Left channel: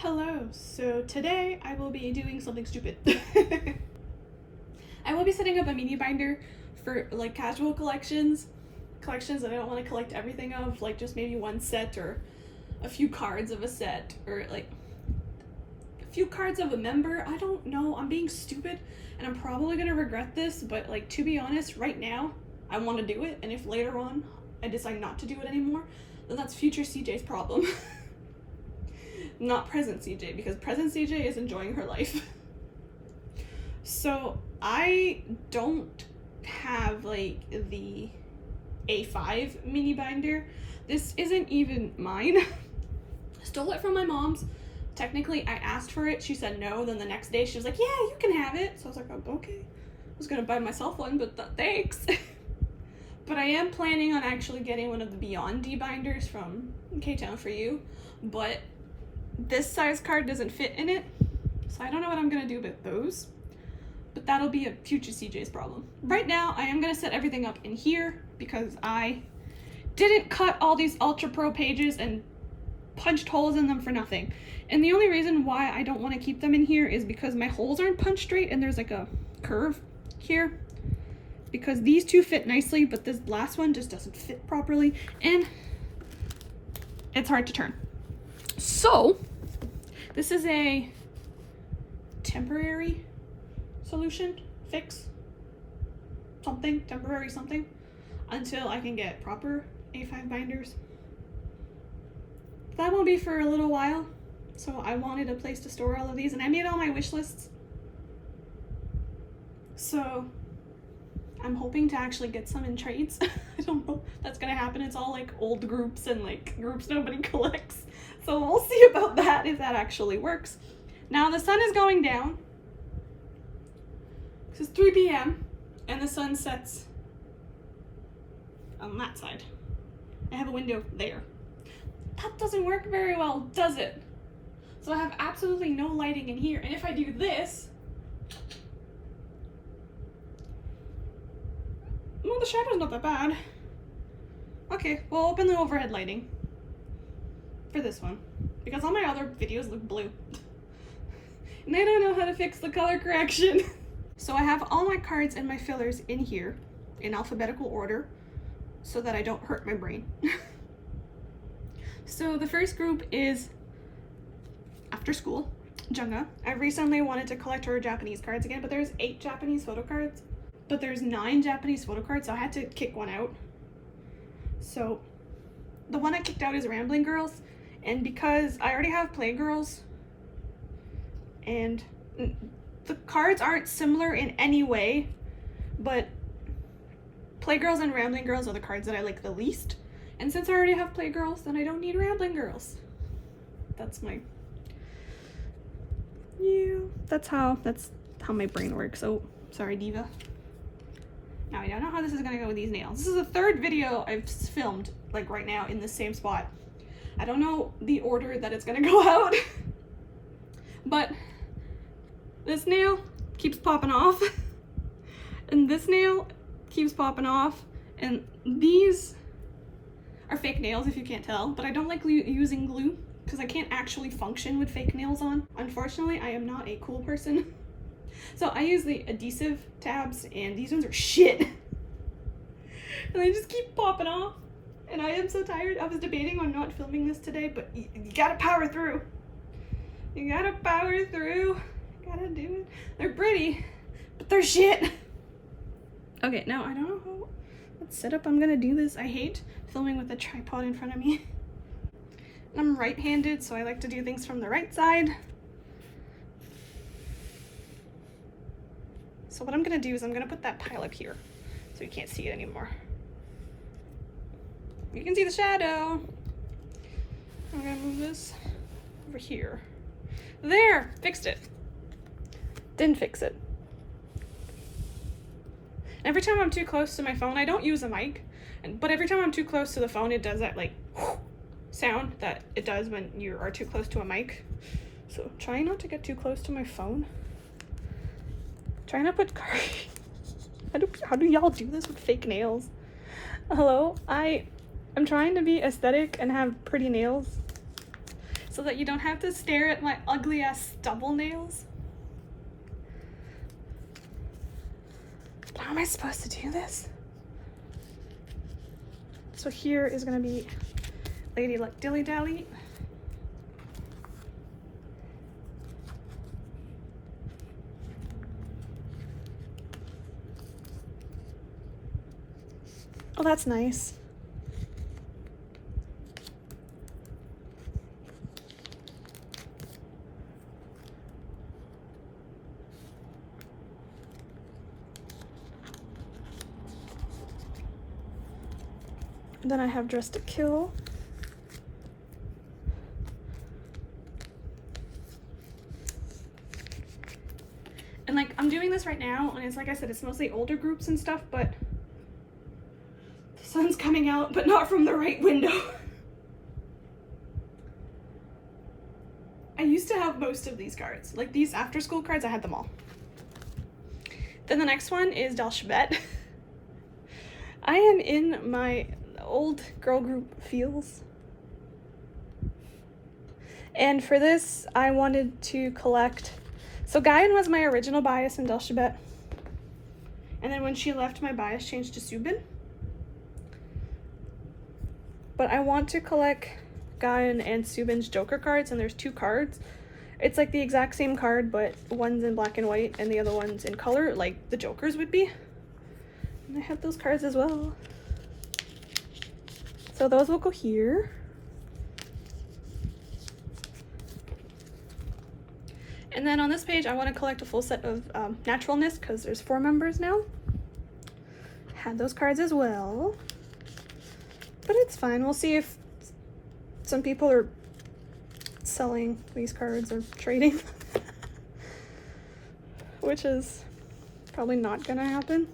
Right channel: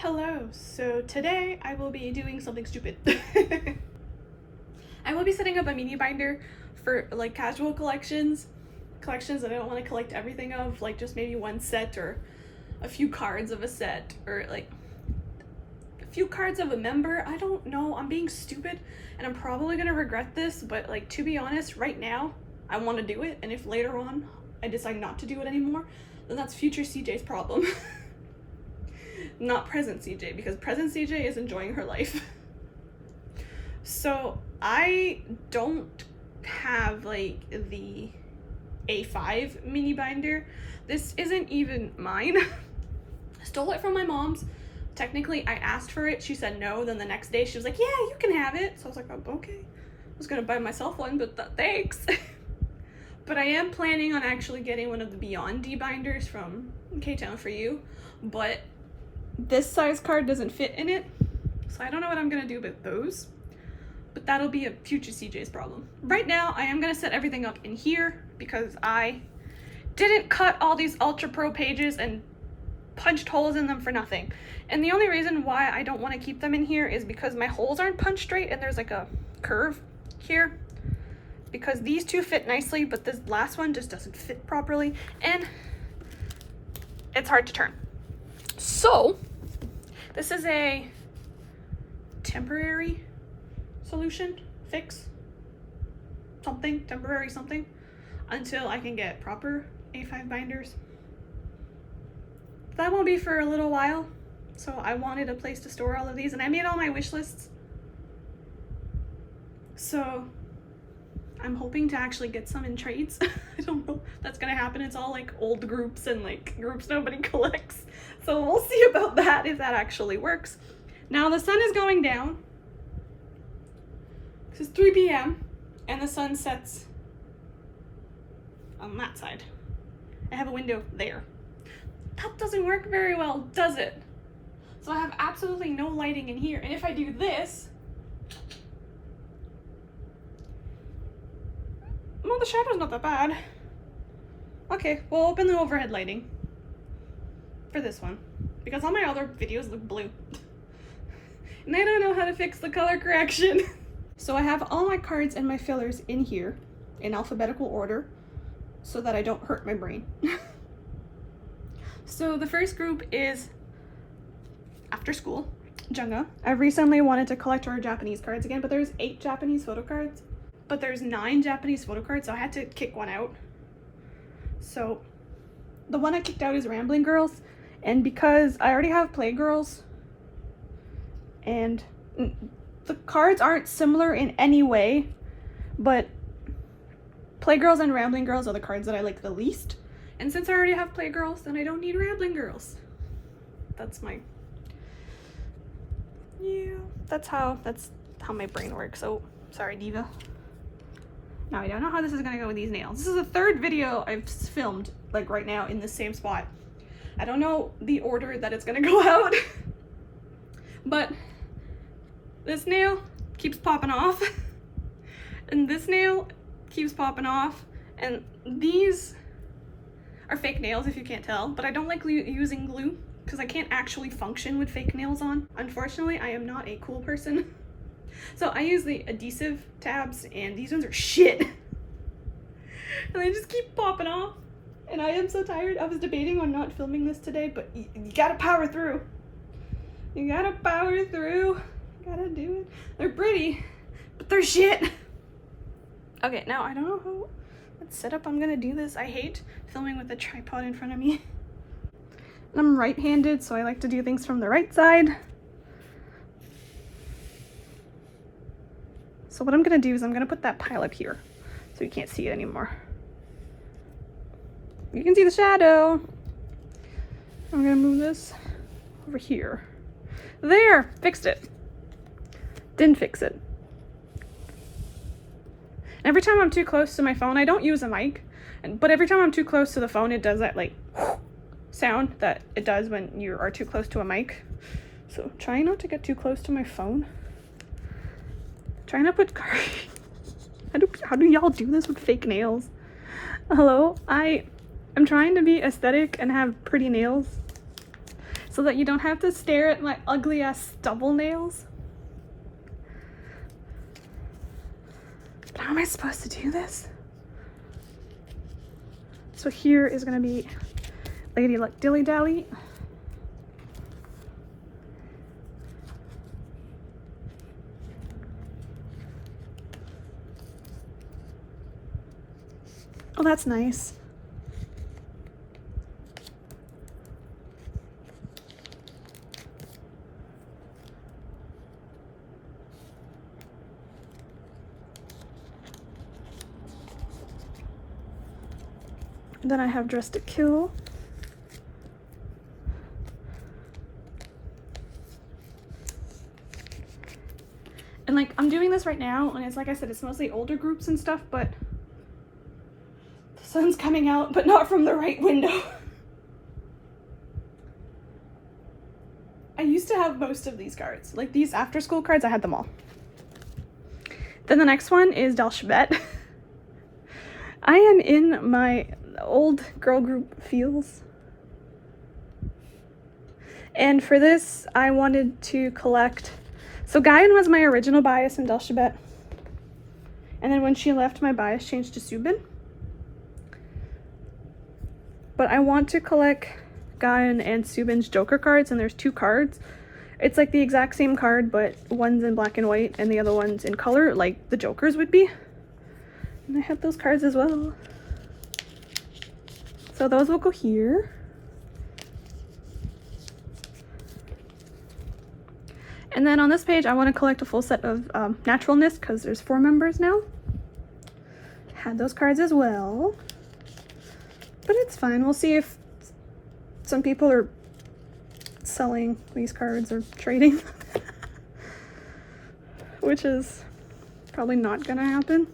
Hello, so today I will be doing something stupid. I will be setting up a mini binder for like casual collections that I don't want to collect everything of, like just maybe one set or a few cards of a set or like a few cards of a member. I don't know, I'm being stupid and I'm probably gonna regret this, but like to be honest, right now I want to do it, and if later on I decide not to do it anymore, then that's future CJ's problem. Not present CJ, because present CJ is enjoying her life. So I don't have like the A5 mini binder. This isn't even mine. I stole it from my mom's. Technically I asked for it, she said no, then the next day she was like, yeah, you can have it. So I was like, oh, okay. I was gonna buy myself one, but thanks. But I am planning on actually getting one of the Beyond D binders from K-Town for You, but this size card doesn't fit in it, so I don't know what I'm gonna do with those, but that'll be a future CJ's problem. Right now I am gonna set everything up in here because I didn't cut all these Ultra Pro pages and punched holes in them for nothing, and the only reason why I don't want to keep them in here is because my holes aren't punched straight and there's like a curve here, because these two fit nicely but this last one just doesn't fit properly and it's hard to turn. So this is a temporary solution, fix, something, temporary something, until I can get proper A5 binders. That won't be for a little while, so I wanted a place to store all of these, and I made all my wish lists. So I'm hoping to actually get some in trades. I don't know if that's gonna happen. It's all like old groups and like groups nobody collects. So we'll see about that, if that actually works. Now the sun is going down. This is 3 p.m. and the sun sets on that side. I have a window there. That doesn't work very well, does it? So I have absolutely no lighting in here. And if I do this, well, the shadow's not that bad. Okay, we'll open the overhead lighting for this one, because all my other videos look blue. And I don't know how to fix the color correction. So I have all my cards and my fillers in here in alphabetical order so that I don't hurt my brain. So the first group is after school, Junga. I recently wanted to collect her Japanese cards again, but there's 8 Japanese photo cards. But there's 9 Japanese photo cards, so I had to kick one out. So the one I kicked out is Rambling Girls, and because I already have Playgirls, and the cards aren't similar in any way, but Playgirls and Rambling Girls are the cards that I like the least, and since I already have Playgirls, then I don't need Rambling Girls. That's my... yeah, that's how my brain works. Oh, sorry, Diva. Now I don't know how this is gonna go with these nails. This is the 3rd video I've filmed like right now in the same spot. I don't know the order that it's gonna go out, but this nail keeps popping off and this nail keeps popping off, and these are fake nails if you can't tell, but I don't like using glue because I can't actually function with fake nails on. Unfortunately, I am not a cool person. So I use the adhesive tabs, and these ones are shit. And they just keep popping off. And I am so tired. I was debating on not filming this today, but you gotta power through. You gotta power through. You gotta do it. They're pretty, but they're shit. Okay, now I don't know what setup I'm gonna do this. I hate filming with a tripod in front of me. And I'm right-handed, so I like to do things from the right side. So what I'm gonna do is I'm gonna put that pile up here so you can't see it anymore. You can see the shadow. I'm gonna move this over here. There, fixed it. Didn't fix it. Every time I'm too close to my phone, I don't use a mic, but every time I'm too close to the phone, it does that like sound that it does when you are too close to a mic. So try not to get too close to my phone. Trying to put how do y'all do this with fake nails? Hello, I'm trying to be aesthetic and have pretty nails. so that you don't have to stare at my ugly ass stubble nails. But how am I supposed to do this? So here is gonna be Lady Luck Dilly Dally. Oh, that's nice. And then I have Dressed to Kill. And like, I'm doing this right now, and it's like I said, it's mostly older groups and stuff, but the sun's coming out, but not from the right window. I used to have most of these cards. Like these after school cards, I had them all. Then the next one is dalshabet. I am in my old girl group feels. And for this, I wanted to collect, so Guyan was my original bias in dalshabet. And then when she left, my bias changed to Subin. But I want to collect Guyan and Subin's Joker cards, and there's 2 cards. It's like the exact same card, but one's in black and white and the other one's in color, like the Jokers would be. And I have those cards as well. So those will go here. And then on this page, I want to collect a full set of Naturalness, because there's 4 members now. Had those cards as well. But it's fine. We'll see if some people are selling these cards or trading. Which is probably not gonna happen.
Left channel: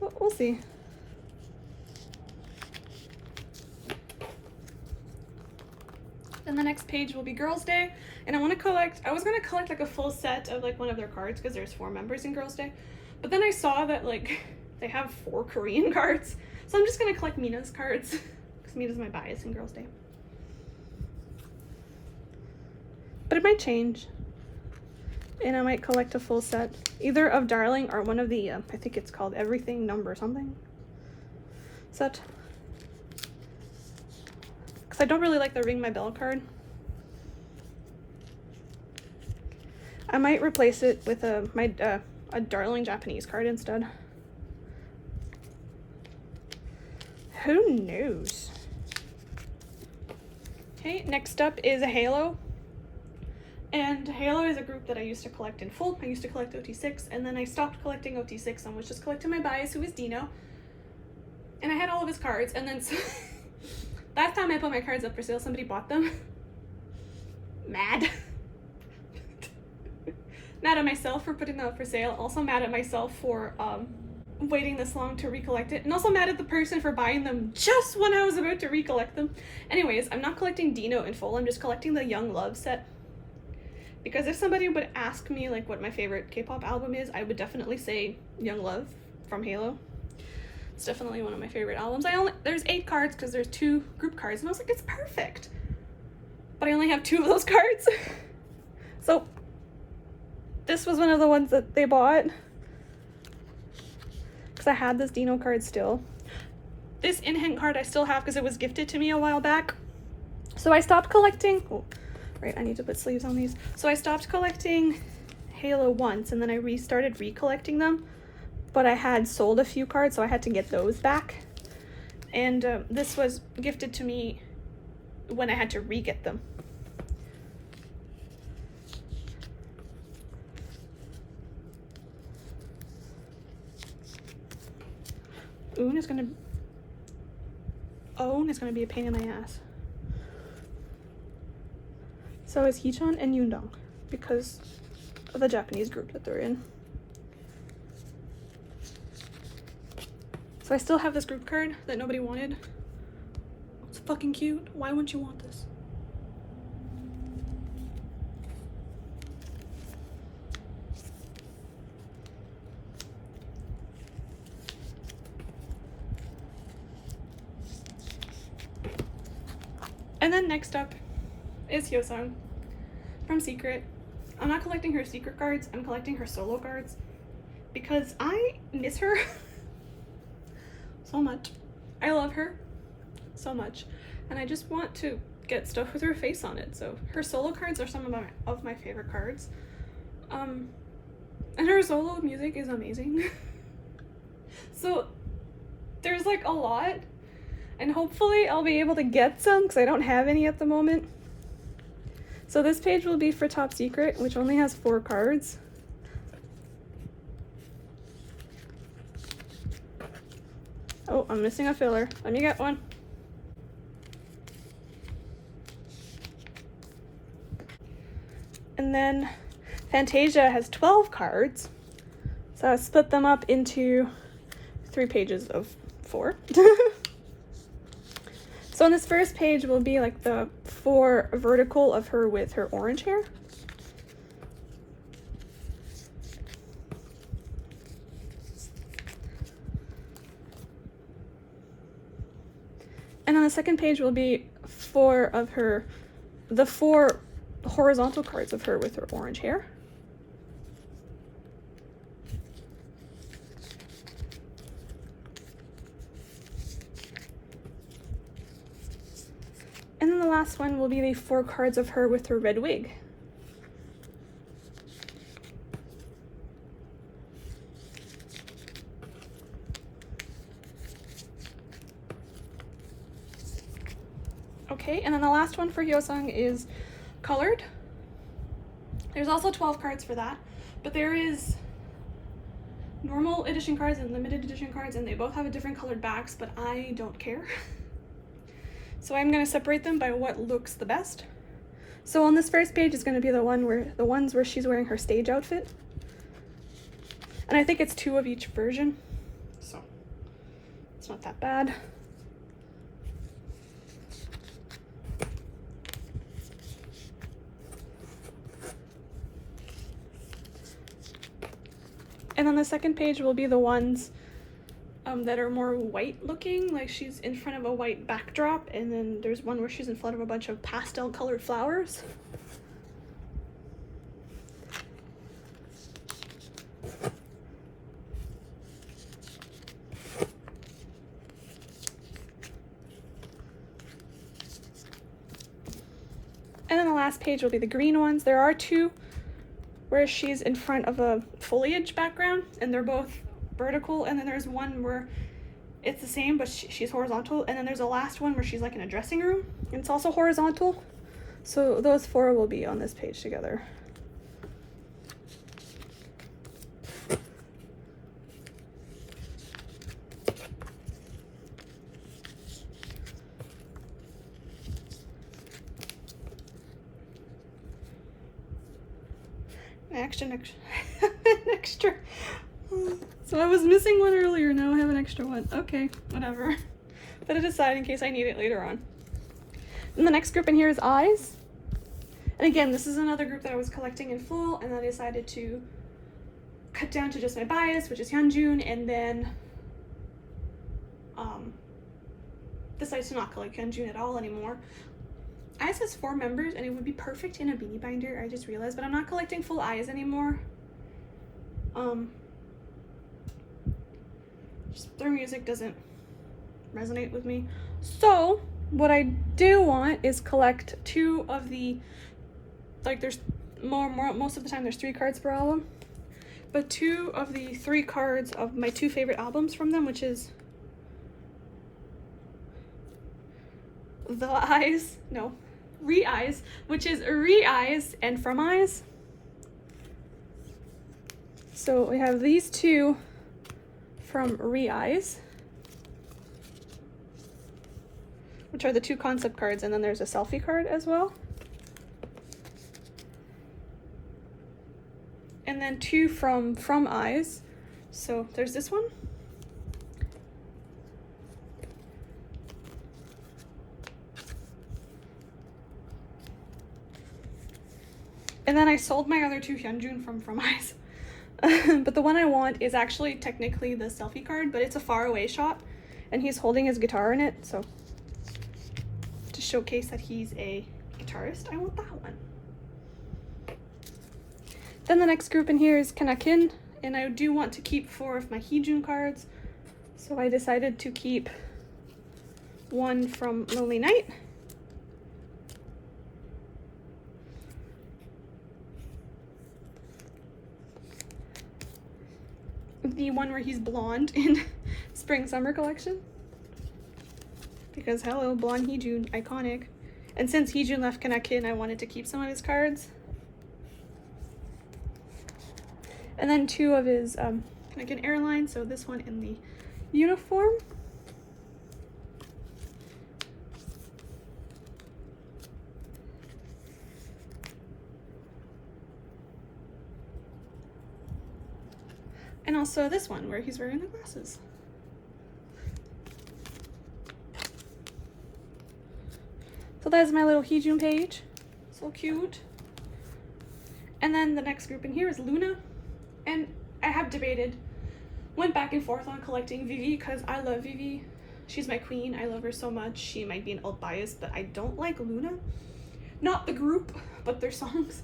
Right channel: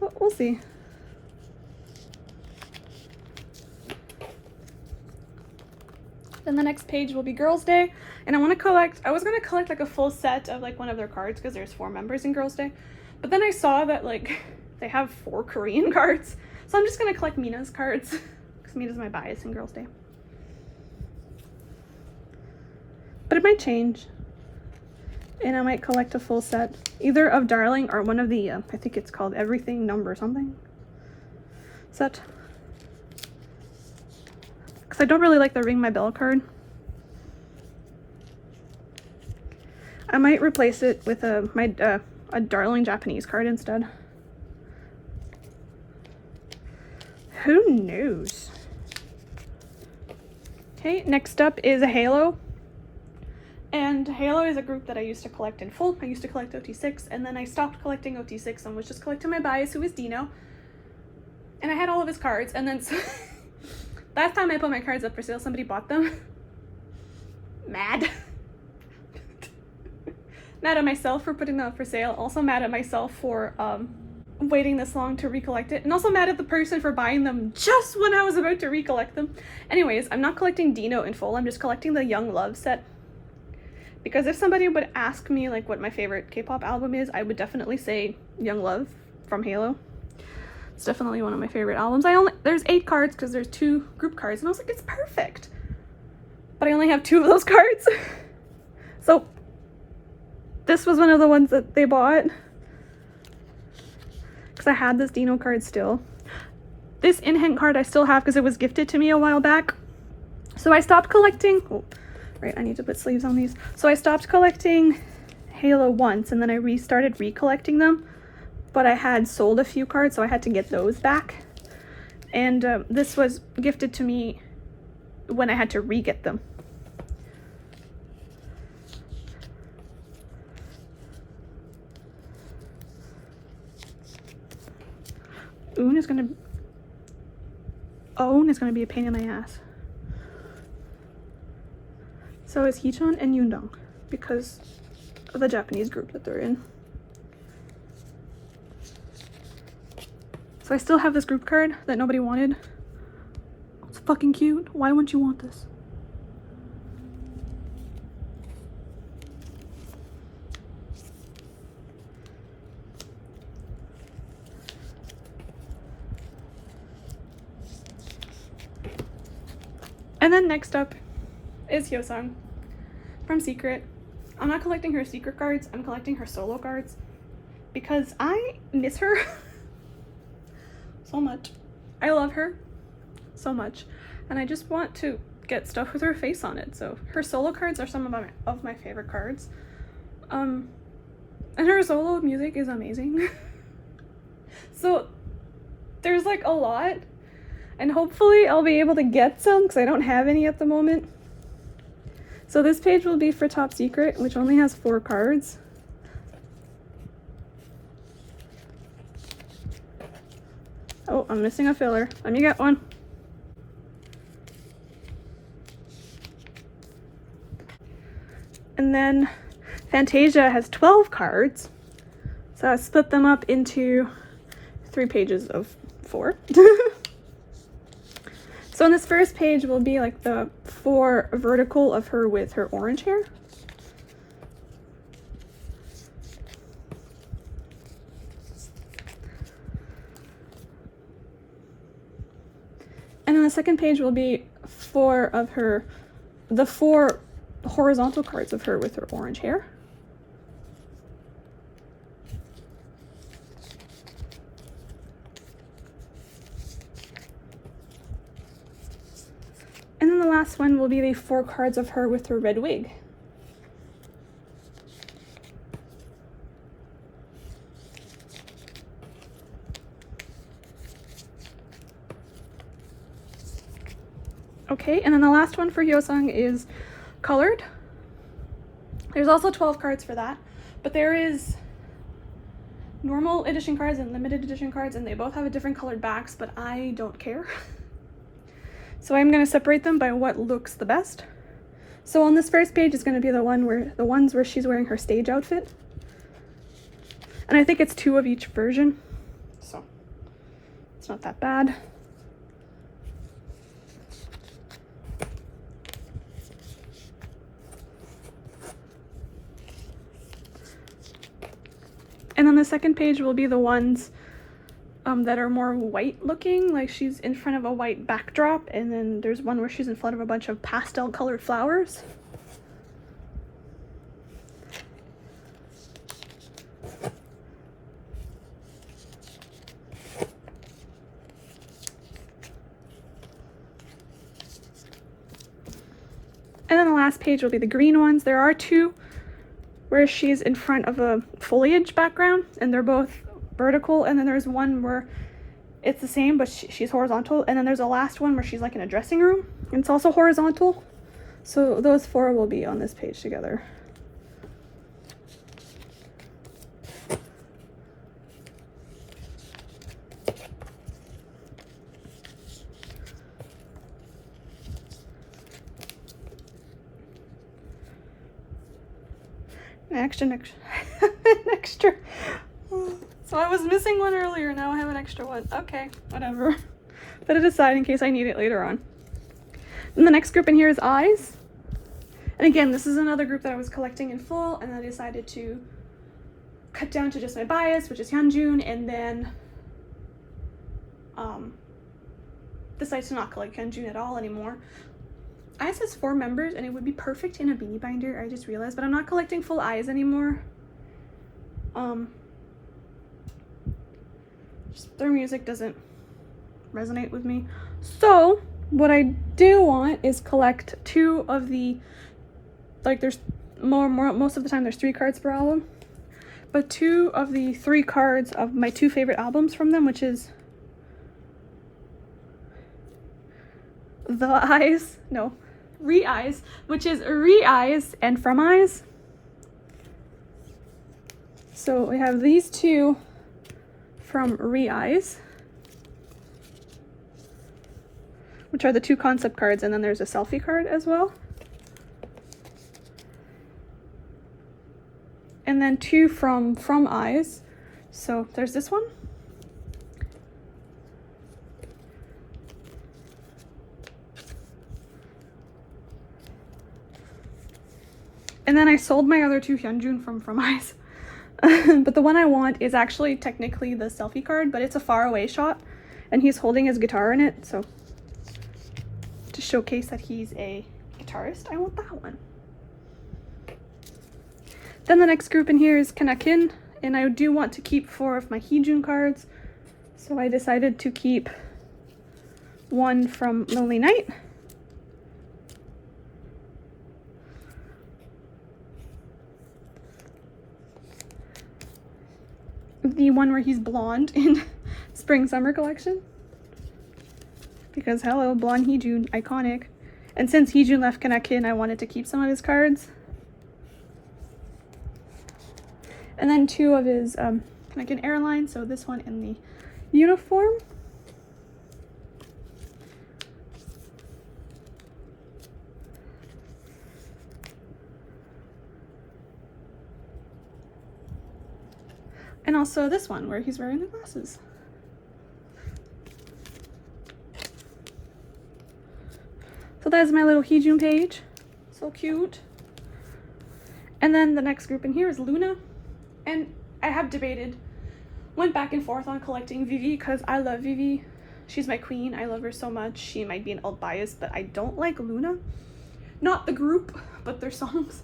But we'll see. Then the next page will be Girls' Day, and I want to collect, I was going to collect like a full set of like one of their cards because there's 4 members in Girls' Day, but then I saw that like they have 4 Korean cards, so I'm just going to collect Mina's cards because Mina's my bias in Girls' Day. But it might change, and I might collect a full set either of Darling or one of the I think it's called Everything Number something set. I don't really like the Ring My Bell card. I might replace it with a Darling Japanese card instead. Who knows? Okay, next up is a Halo. And Halo is a group that I used to collect in full. I used to collect OT6, and then I stopped collecting OT6 and was just collecting my bias, who is Dino. And I had all of his cards, and then last time I put my cards up for sale, somebody bought them. Mad. Mad at myself for putting them up for sale. Also mad at myself for waiting this long to recollect it. And also mad at the person for buying them just when I was about to recollect them. Anyways, I'm not collecting Dino in full. I'm just collecting the Young Love set. Because if somebody would ask me like what my favorite K-pop album is, I would definitely say Young Love from Halo. It's definitely one of my favorite albums. There's 8 cards because there's 2 group cards, and I was like, it's perfect. But I only have 2 of those cards. So this was one of the ones that they bought. Because I had this Dino card still. This in-hand card I still have because it was gifted to me a while back. So I stopped collecting, oh, right, I need to put sleeves on these. So I stopped collecting Halo once, and then I restarted recollecting them. But I had sold a few cards, so I had to get those back. And this was gifted to me when I had to re-get them. Own is gonna be a pain in my ass. So is Heechon and Yundong because of the Japanese group that they're in. So I still have this group card that nobody wanted. It's fucking cute. Why wouldn't you want this? And then next up is Hyosung from Secret. I'm not collecting her secret cards, I'm collecting her solo cards because I miss her so much. I love her so much and I just want to get stuff with her face on it. So her solo cards are some of my favorite cards. And her solo music is amazing. So there's like a lot, and hopefully I'll be able to get some because I don't have any at the moment. So this page will be for Top Secret, which only has 4 cards. Oh, I'm missing a filler. Let me get one. And then Fantasia has 12 cards. So I split them up into 3 pages of 4. So in this first page will be like the 4 vertical of her with her orange hair. And on the second page will be 4 of her, the 4 horizontal cards of her with her orange hair. And then the last one will be the 4 cards of her with her red wig. Okay, and then the last one for Hyosung is colored. There's also 12 cards for that, but there is normal edition cards and limited edition cards, and they both have a different colored backs, but I don't care. So I'm going to separate them by what looks the best. So on this first page is going to be the ones where she's wearing her stage outfit. And I think it's 2 of each version, so it's not that bad. And then the second page will be the ones that are more white looking, like she's in front of a white backdrop, and then there's one where she's in front of a bunch of pastel colored flowers. And then the last page will be the green ones. There are 2 where she's in front of a foliage background, and they're both vertical, and then there's one where it's the same but she's horizontal, and then there's a last one where she's like in a dressing room and it's also horizontal. So those 4 will be on this page together. An extra. So I was missing one earlier, now I have an extra one. Okay, whatever. Put it aside in case I need it later on. And the next group in here is eyes. And again, this is another group that I was collecting in full, and then I decided to cut down to just my bias, which is Hyunjun, and then decided to not collect Hyunjun at all anymore. Eyes has 4 members, and it would be perfect in a beanie binder, I just realized, but I'm not collecting full eyes anymore. Just their music doesn't resonate with me. So what I do want is collect 2 of the, like there's most of the time there's 3 cards per album, but 2 of the 3 cards of my 2 favorite albums from them, which is Re-Eyes, which is Re-Eyes and From Eyes. So we have these 2 from Re-Eyes, which are the 2 concept cards, and then there's a selfie card as well. And then 2 from Eyes. So there's this one. And then I sold my other 2 Hyunjun from Eyes. But the one I want is actually technically the selfie card, but it's a far away shot, and he's holding his guitar in it, so to showcase that he's a guitarist, I want that one. Then the next group in here is Kanakin, and I do want to keep 4 of my hyosung cards, so I decided to keep 1 from Lonely Night, the one where he's blonde in Spring Summer collection, because hello, blonde hyosung, iconic. And since hyosung left Kanakin, I wanted to keep some of his cards. And then 2 of his Kanakin airline, so this one in the uniform. And also this one where he's wearing the glasses. So that's my little hyosung page. So cute. And then the next group in here is Loona. And I have debated, went back and forth on collecting Vivi because I love Vivi. She's my queen. I love her so much. She might be an alt bias, but I don't like Loona. Not the group, but their songs.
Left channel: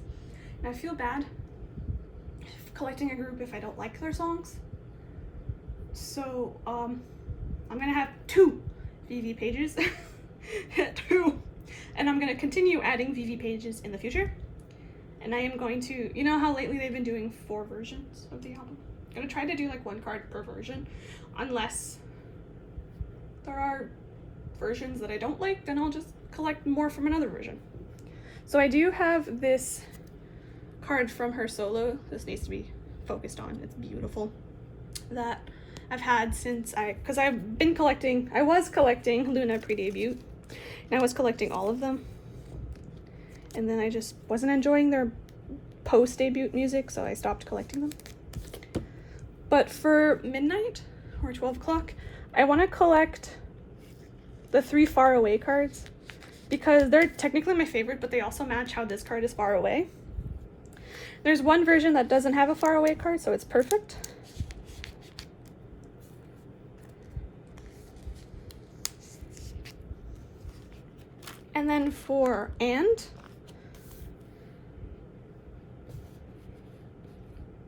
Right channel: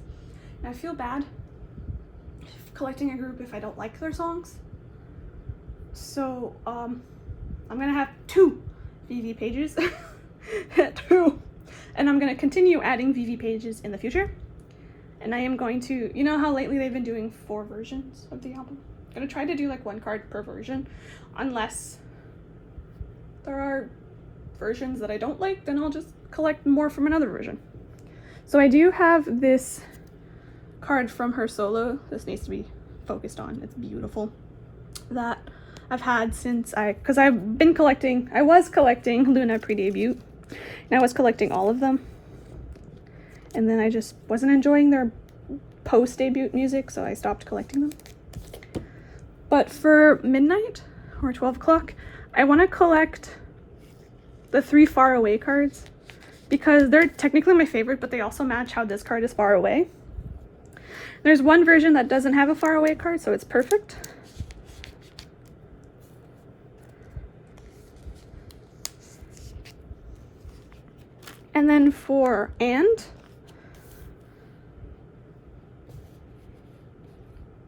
And I feel bad collecting a group if I don't like their songs. So I'm gonna have 2 Vivi pages. 2. And I'm gonna continue adding Vivi pages in the future. And I am going to, you know how lately they've been doing 4 versions of the album? I'm gonna try to do like 1 card per version, unless there are versions that I don't like, then I'll just collect more from another version. So I do have this card from her solo. This needs to be focused on. It's beautiful. That I've had since because I've been collecting, I was collecting Loona pre-debut, and I was collecting all of them. And then I just wasn't enjoying their post-debut music, so I stopped collecting them. But for midnight, or 12 o'clock, I want to collect the 3 far away cards, because they're technically my favorite, but they also match how this card is far away. There's one version that doesn't have a far away card, so it's perfect. And then for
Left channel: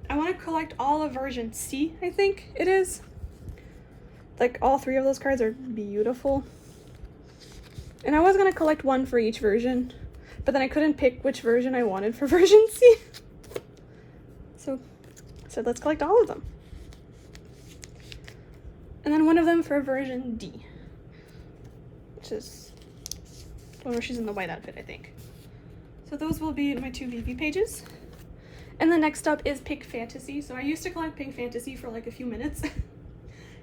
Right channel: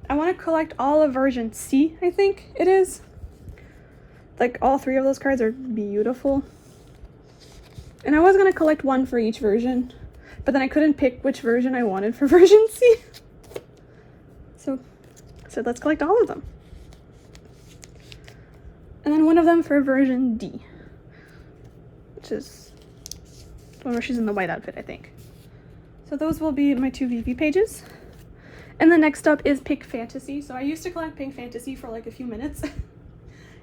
I want to collect all of version C, I think it is. Like, all 3 of those cards are beautiful. And I was going to collect 1 for each version, but then I couldn't pick which version I wanted for version C. So I said, let's collect all of them. And then 1 of them for version D, which is one where she's in the white outfit, I think. So those will be my 2 VV pages. And the next up is Pink Fantasy. So I used to collect Pink Fantasy for like a few minutes,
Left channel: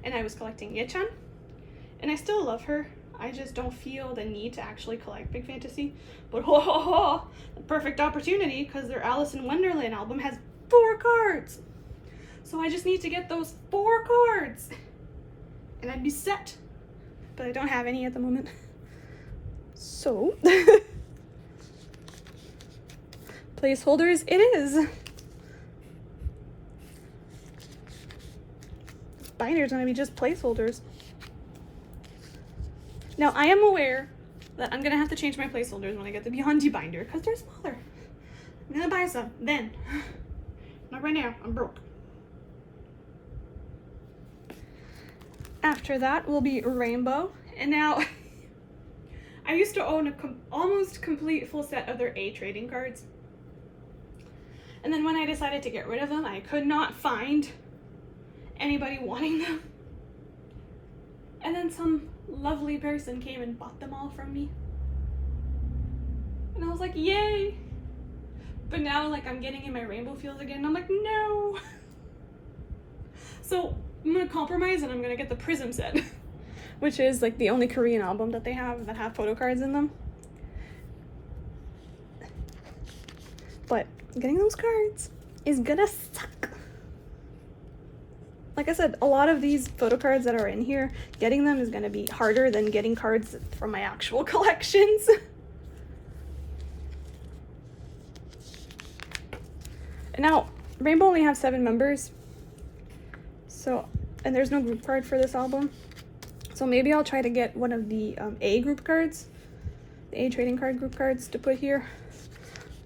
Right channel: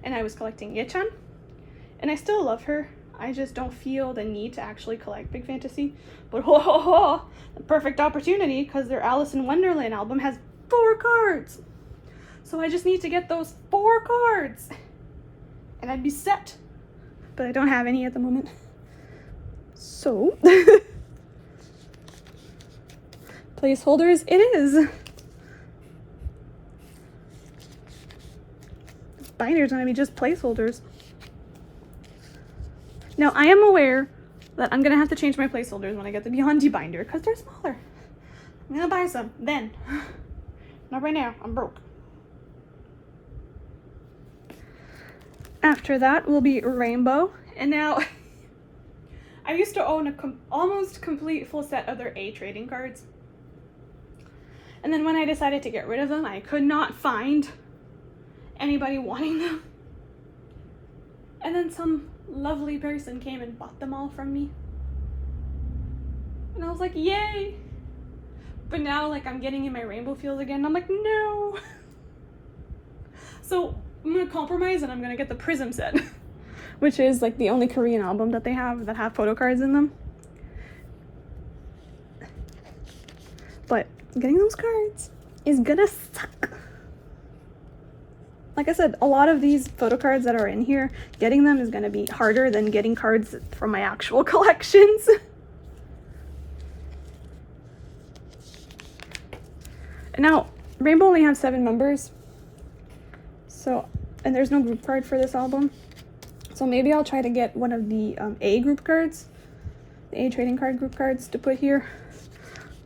and I was collecting Yechan, and I still love her. I just don't feel the need to actually collect Pink Fantasy. But the perfect opportunity, because their Alice in Wonderland album has 4 cards. So I just need to get those 4 cards, and I'd be set. But I don't have any at the moment. So placeholders it is. Binders are gonna be just placeholders. Now I am aware that I'm gonna have to change my placeholders when I get the Beyond D binder, because they're smaller. I'm gonna buy some then. Not right now, I'm broke. After that will be Rainbow, and now I used to own a almost complete full set of their A trading cards. And then when I decided to get rid of them, I could not find anybody wanting them. And then some lovely person came and bought them all from me. And I was like, yay! But now, like, I'm getting in my rainbow field again. I'm like, no! So I'm gonna compromise and I'm gonna get the Prism set, which is like the only Korean album that they have that have photocards in them. But getting those cards is gonna suck. Like I said, a lot of these photocards that are in here, getting them is gonna be harder than getting cards from my actual collections. And now, Rainbow only has 7 members. So, and there's no group card for this album. So maybe I'll try to get one of the A group cards the A trading card group cards to put here.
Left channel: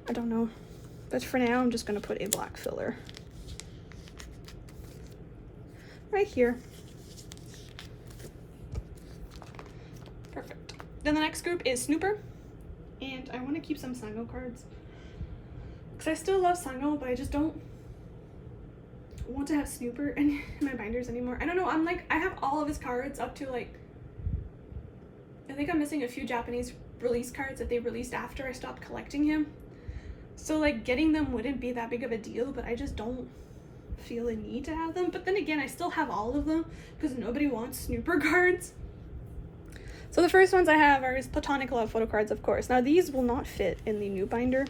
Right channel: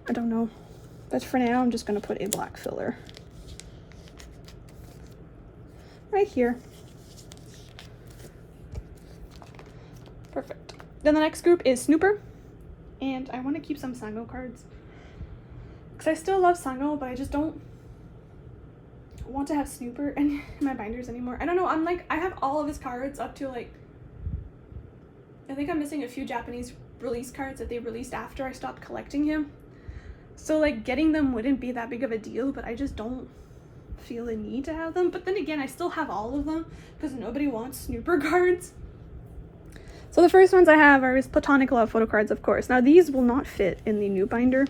I don't know. But for now, I'm just going to put a black filler right here. Perfect. Then the next group is Snuper. And I want to keep some Sango cards. Because I still love Sango, but I just don't want to have Snuper in my binders anymore. I don't know, I have all of his cards up to like, I think I'm missing a few Japanese release cards that they released after I stopped collecting him. So like getting them wouldn't be that big of a deal, but I just don't feel a need to have them. But then again, I still have all of them because nobody wants Snuper cards. So the first ones I have are his Platonic Love photo cards, of course. Now these will not fit in the new binder,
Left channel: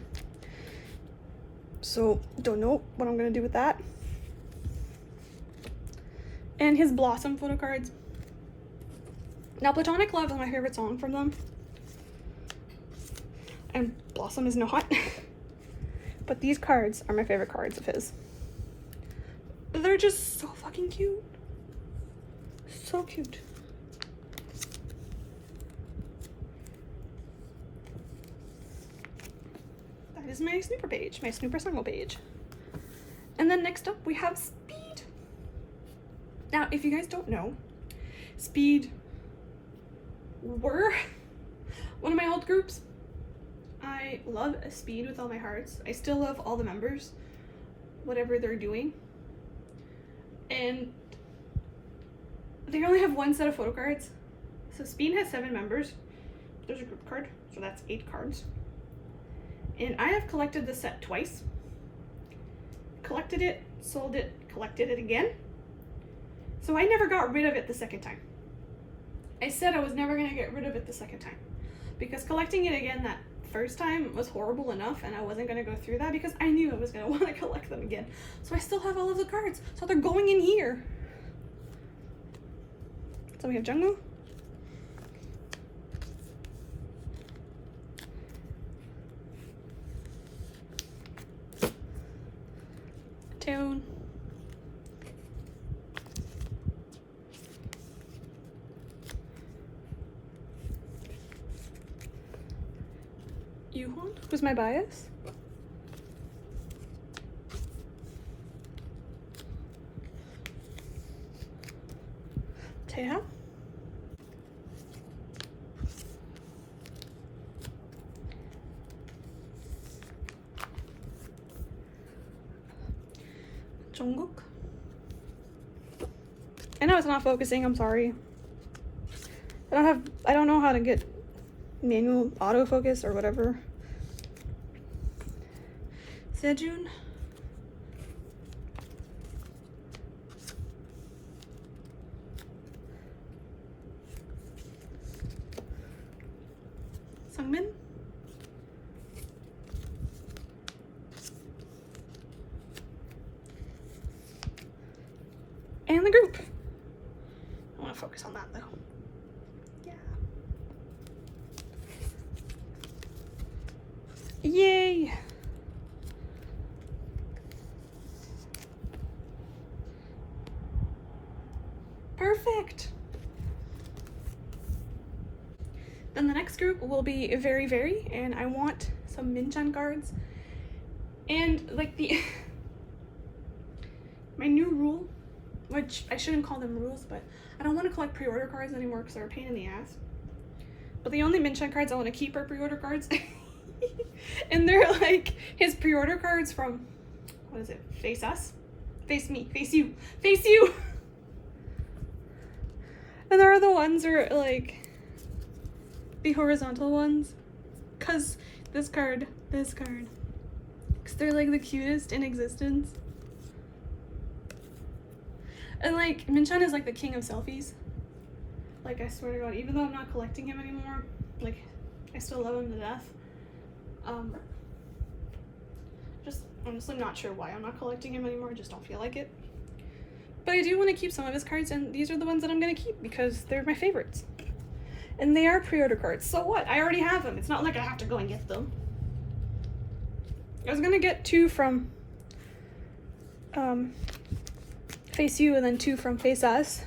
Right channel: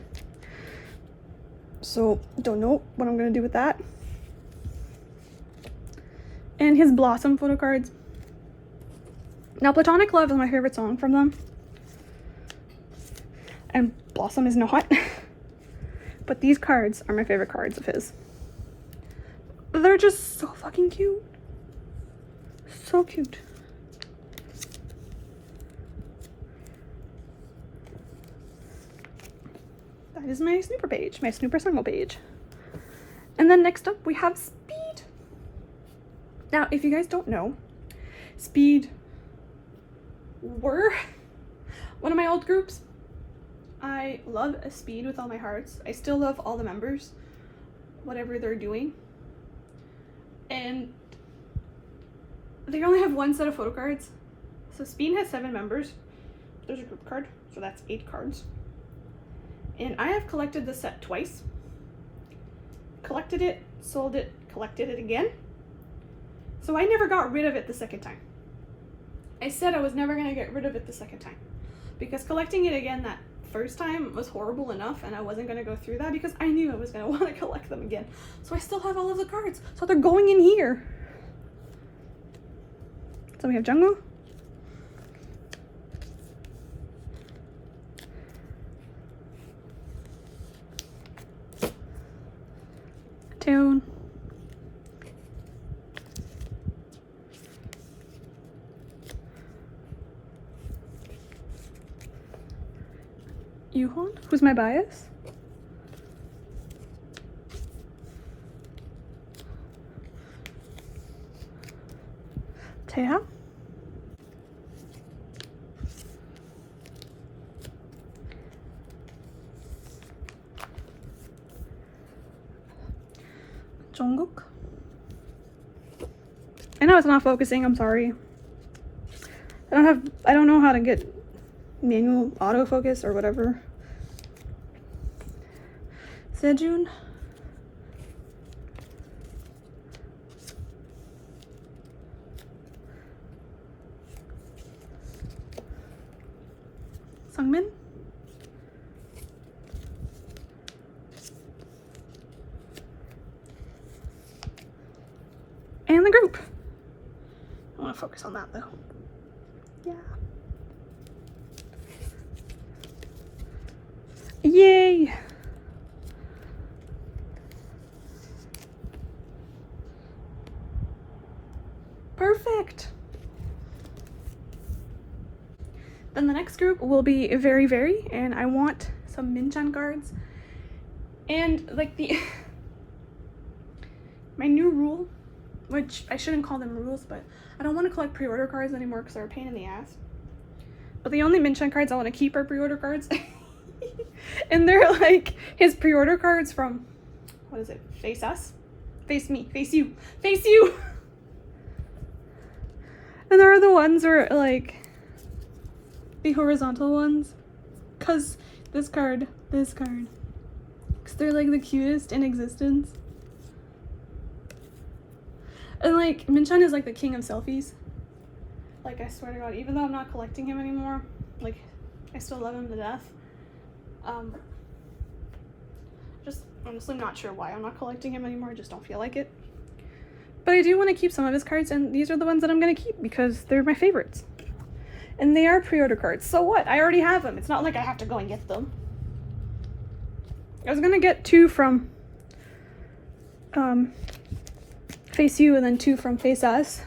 so don't know what I'm gonna do with that. And his Blossom photo cards. Now Platonic Love is my favorite song from them, and Blossom is not. But these cards are my favorite cards of his. They're just so fucking cute. So cute. That is my Snuper page, my Snuper Sango page. And then next up we have Speed. Now, if you guys don't know, Speed were one of my old groups. I love Speed with all my hearts. I still love all the members, whatever they're doing. And they only have one set of photo cards. So Speed has 7 members. There's a group card, so that's 8 cards. And I have collected the set twice. Collected it, sold it, collected it again. So I never got rid of it the second time. I said I was never going to get rid of it the second time. Because collecting it again that first time was horrible enough, and I wasn't going to go through that because I knew I was going to want to collect them again. So I still have all of the cards. So they're going in here. So we have Jungle. Tune. Yuhon, who's my bias? Tea. Jungkook. I know it's not focusing, I'm sorry. I don't know how to get manual autofocus or whatever. Sejun. Sungmin. And the group. I want to focus on that though. Yeah. Yay! Perfect! Then the next group will be Very, and I want some Minchan cards. And like my new rule, which I shouldn't call them rules, but I don't want to collect pre-order cards anymore because they're a pain in the ass. But the only Minchan cards I want to keep are pre-order cards. And they're like his pre-order cards from, what is it? Face Us? Face Me. Face You. Face You! And there are the ones where like the horizontal ones. Cause this card. Cause they're like the cutest in existence. And like Minchan is like the king of selfies. Like I swear to God, even though I'm not collecting him anymore, like I still love him to death. Just honestly not sure why I'm not collecting him anymore. I just don't feel like it. But I do want to keep some of his cards, and these are the ones that I'm going to keep because they're my favorites. And they are pre-order cards. So what? I already have them. It's not like I have to go and get them. I was going to get 2 from Face You and then 2 from Face Us.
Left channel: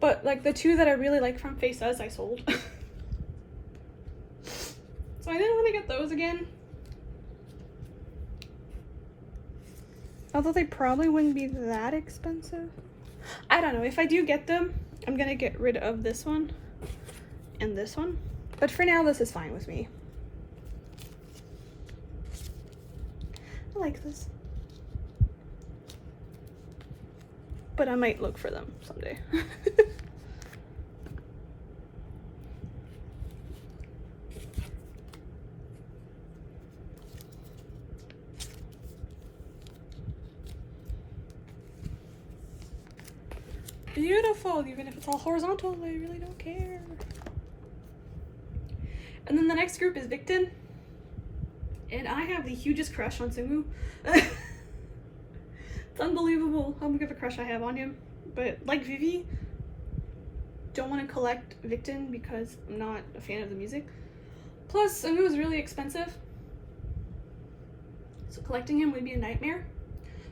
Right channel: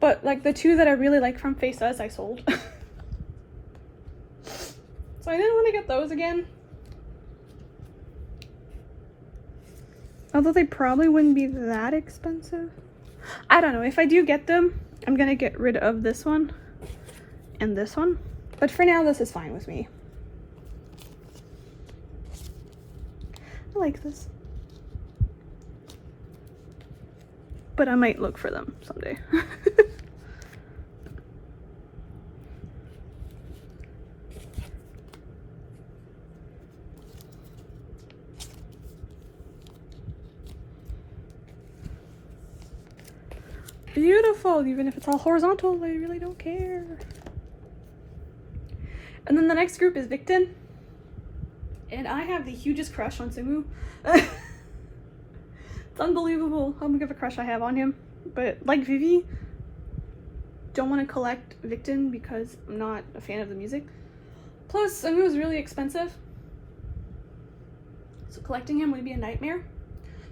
But like the 2 that I really like from Face Us, I sold. So I didn't want to get those again. Although they probably wouldn't be that expensive. I don't know. If I do get them, I'm gonna get rid of this one and this one. But for now, this is fine with me. I like this. But I might look for them someday. Beautiful, even if it's all horizontal, I really don't care. And then the next group is Victon. And I have the hugest crush on Sungu. It's unbelievable how big of a crush I have on him. But like Vivi, don't want to collect Victon because I'm not a fan of the music. Plus, Sungu is really expensive. So collecting him would be a nightmare.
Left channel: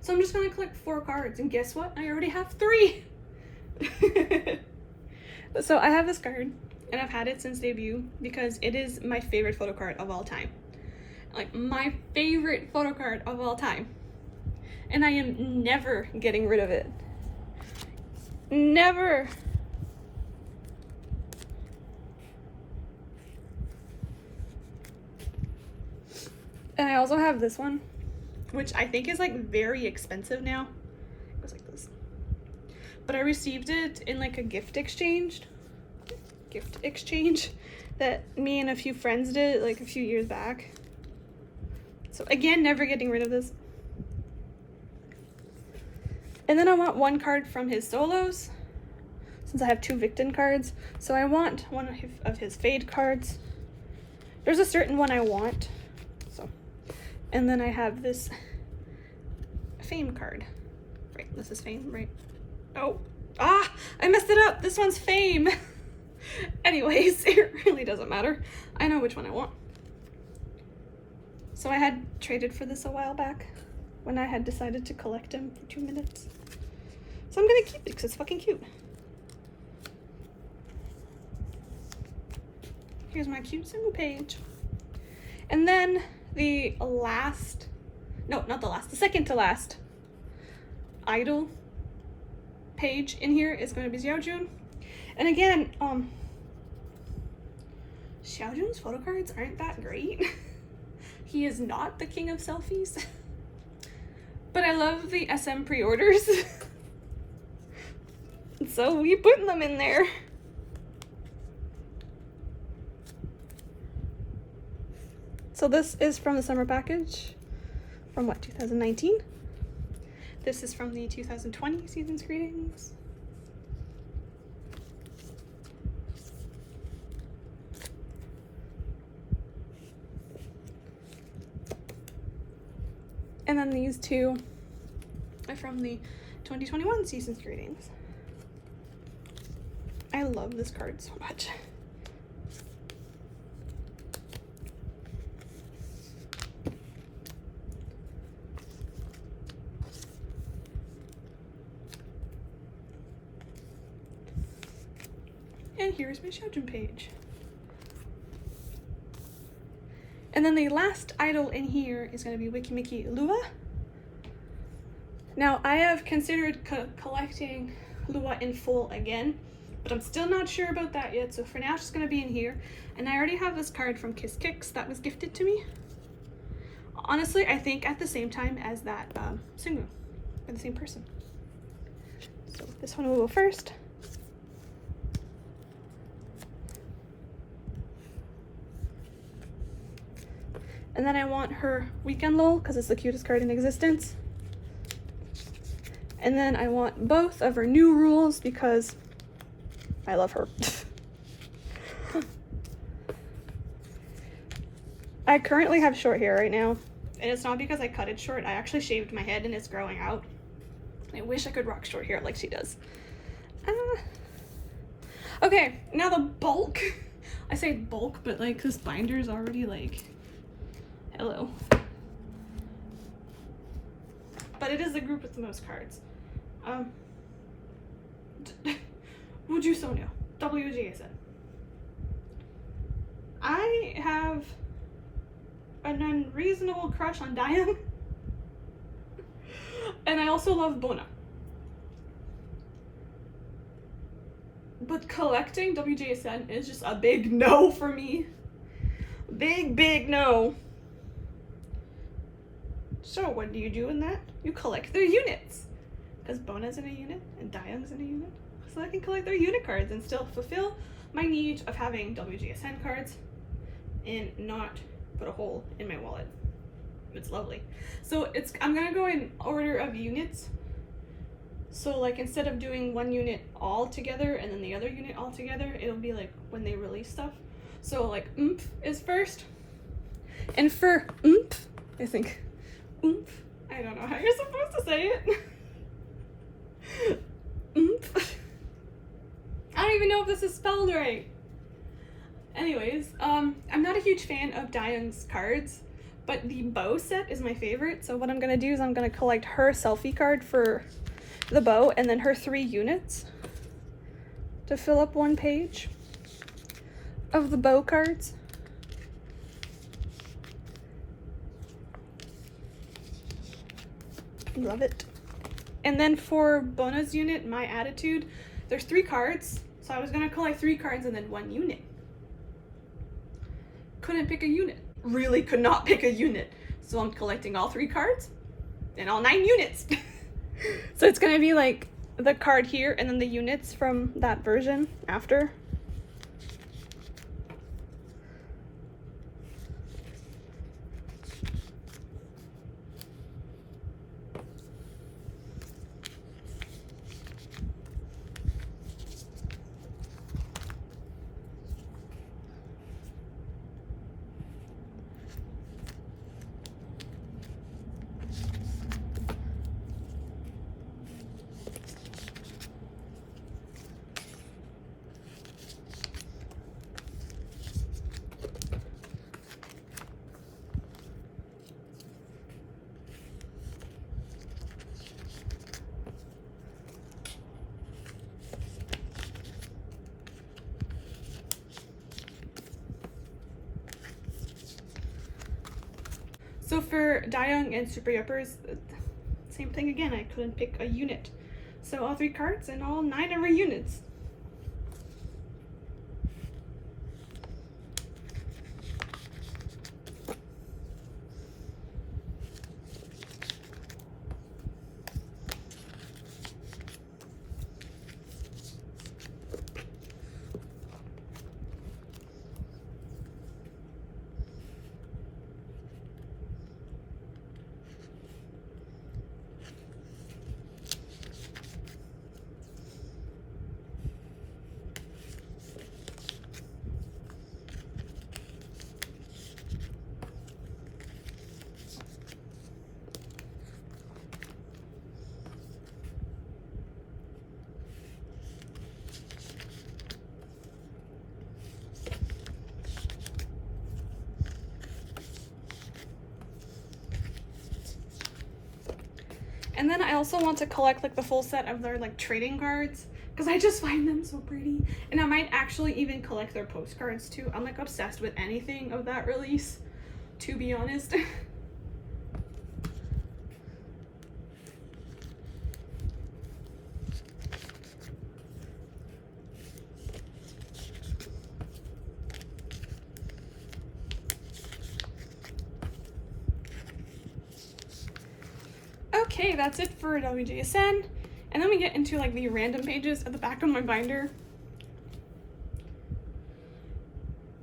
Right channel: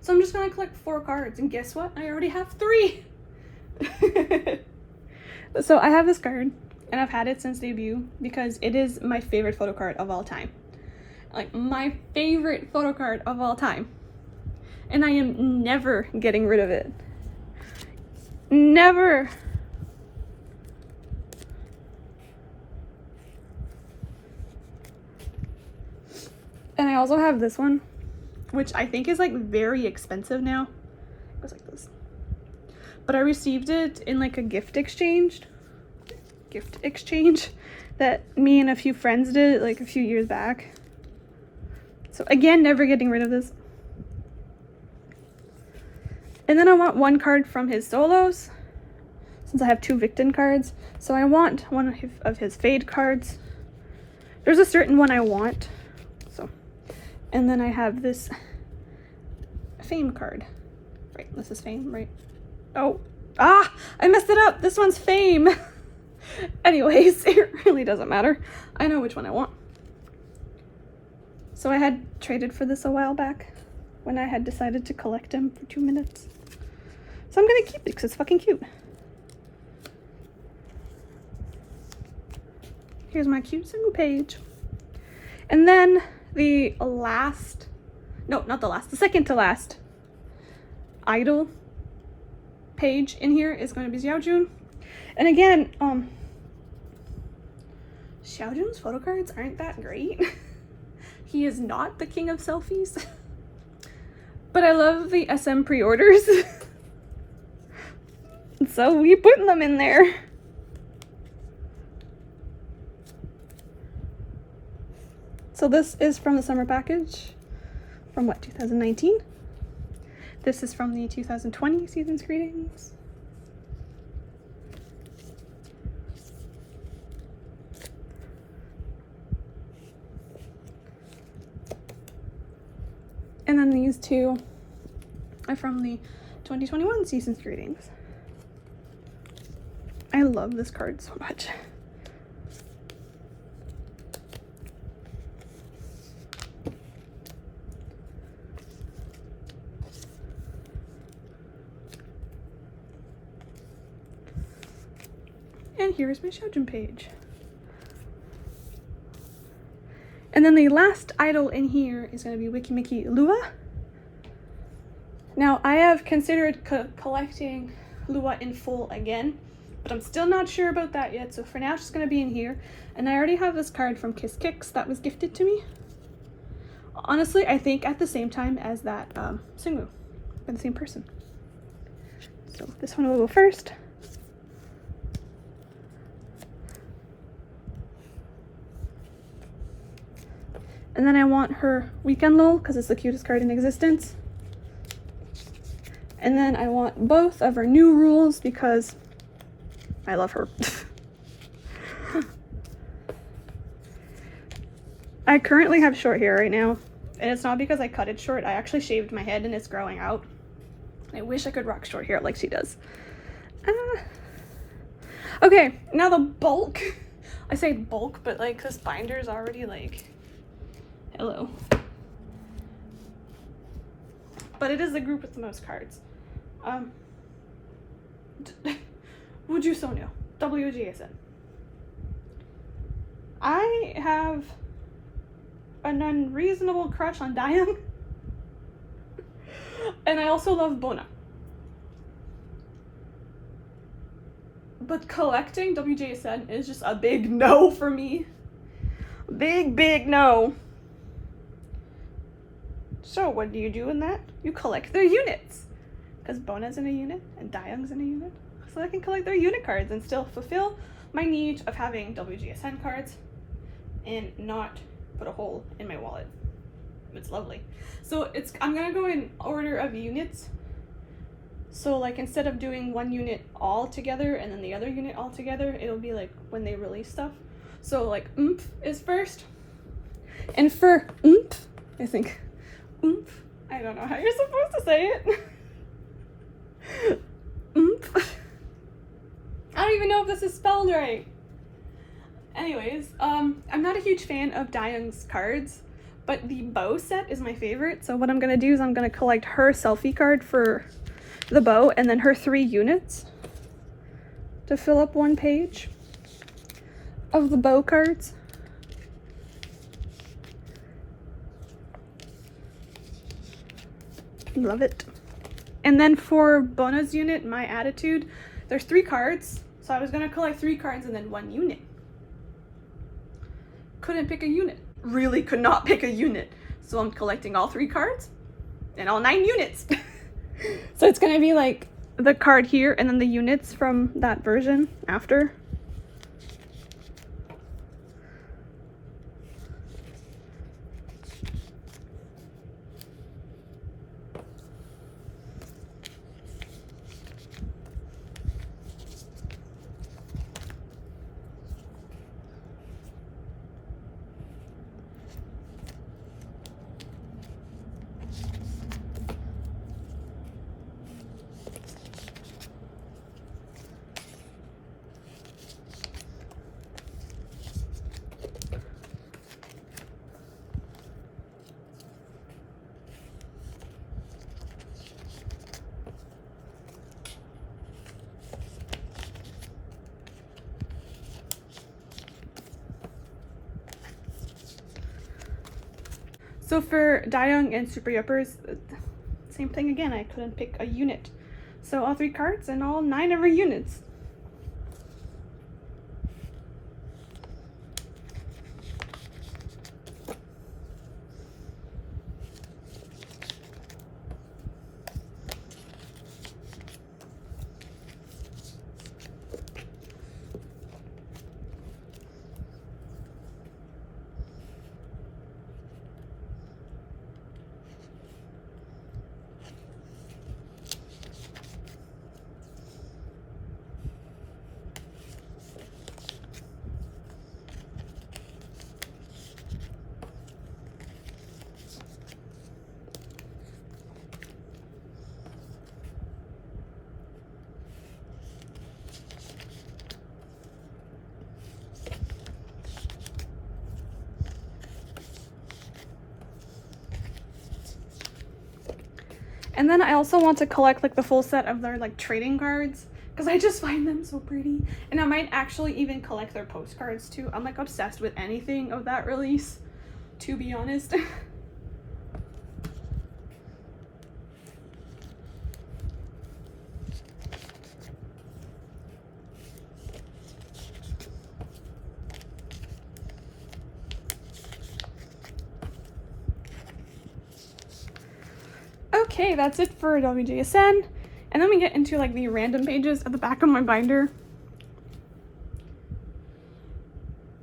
So I'm just going to collect 4 cards. And guess what? I already have 3. So I have this card and I've had it since debut because it is my favorite photo card of all time. Like my favorite photo card of all time. And I am never getting rid of it. Never. And I also have this one, which I think is like very expensive now. It goes like this. But I received it in like a gift exchange that me and a few friends did like a few years back. So again, never getting rid of this. And then I want 1 card from his solos, since I have 2 Victon cards. So I want one of his fade cards. There's a certain one I want. So, and then I have this fame card. Right, this is fame, right? Oh, I messed it up. This one's fame. Anyways, it really doesn't matter. I know which one I want. So I had traded for this a while back when I had decided to collect him for 2 minutes. So I'm gonna keep it because it's fucking cute. Here's my cute single page. And then the second to last idol page in here is going to be Xiaojun. And again, Xiaojun's photo cards aren't that great. He is not the king of selfies. But I love the SM pre-orders. So we put them in there. So this is from the summer package from what, 2019? This is from the 2020 season's greetings. And then these 2 are from the 2021 season's greetings. I love this card so much. And here's my Xiaojun page. And then the last idol in here is going to be Meki Lua. Now, I have considered collecting Lua in full again, but I'm still not sure about that yet. So for now, it's just going to be in here. And I already have this card from Kiss Kicks that was gifted to me. Honestly, I think at the same time as that Sungu, by the same person. So this one will go first. And then I want her Weekend Lull because it's the cutest card in existence. And then I want both of her new rules because I love her. I currently have short hair right now, and it's not because I cut it short. I actually shaved my head and it's growing out. I wish I could rock short hair like she does. Okay, now the bulk. I say bulk, but like this binder is already like, hello. But it is the group with the most cards. wjsn, wjsn. I have an unreasonable crush on Dayoung. And I also love Bona. But collecting wjsn is just a big no for me. Big no. So what do you do in that? You collect their units. Because Bona's in a unit and Dayoung's in a unit. So I can collect their unit cards and still fulfill my need of having wjsn cards and not put a hole in my wallet. It's lovely. So I'm gonna go in order of units. So like instead of doing one unit all together and then the other unit all together, it'll be like when they release stuff. So like oomph is first. And for oomph, I think oomph, I don't know how you're supposed to say it. Oomph. I don't even know if this is spelled right. Anyways, I'm not a huge fan of Dayoung's cards, but the bow set is my favorite. So what I'm gonna do is I'm gonna collect her selfie card for the bow and then her 3 units to fill up one page of the bow cards. Love it. And then for Bona's unit, my attitude, there's 3 cards. So I was gonna collect 3 cards and then 1 unit. Couldn't pick a unit. Really could not pick a unit. So I'm collecting all 3 cards and all 9 units. So it's gonna be like the card here and then the units from that version after. So for Dayoung and Super Yuppers, same thing again, I couldn't pick a unit. So all 3 cards and all 9 of her units. And then I also want to collect like the full set of their like trading cards because I just find them so pretty. And I might actually even collect their postcards too. I'm like obsessed with anything of that release, to be honest. Okay, that's it for wjsn. And then we get into like the random pages at the back of my binder,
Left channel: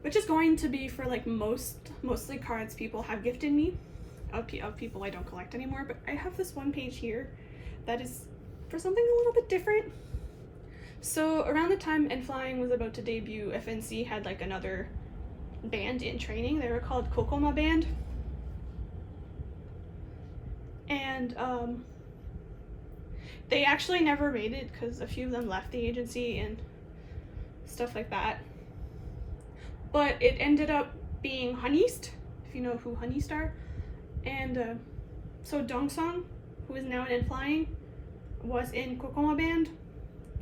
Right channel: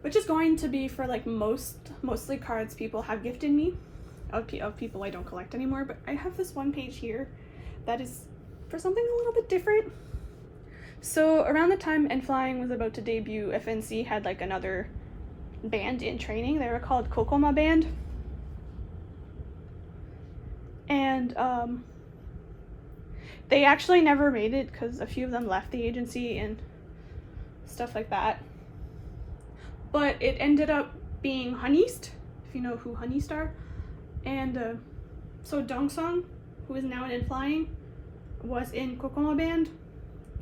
which is going to be for like mostly cards people have gifted me, of people I don't collect anymore. But I have this one page here that is for something a little bit different. So around the time N Flying was about to debut, FNC had like another band in training. They were called Kokoma band. And they actually never made it because a few of them left the agency and stuff like that. But it ended up being Honeist, if you know who Honeist are. And so Dongsung, who is now in Flying, was in Kokoma band,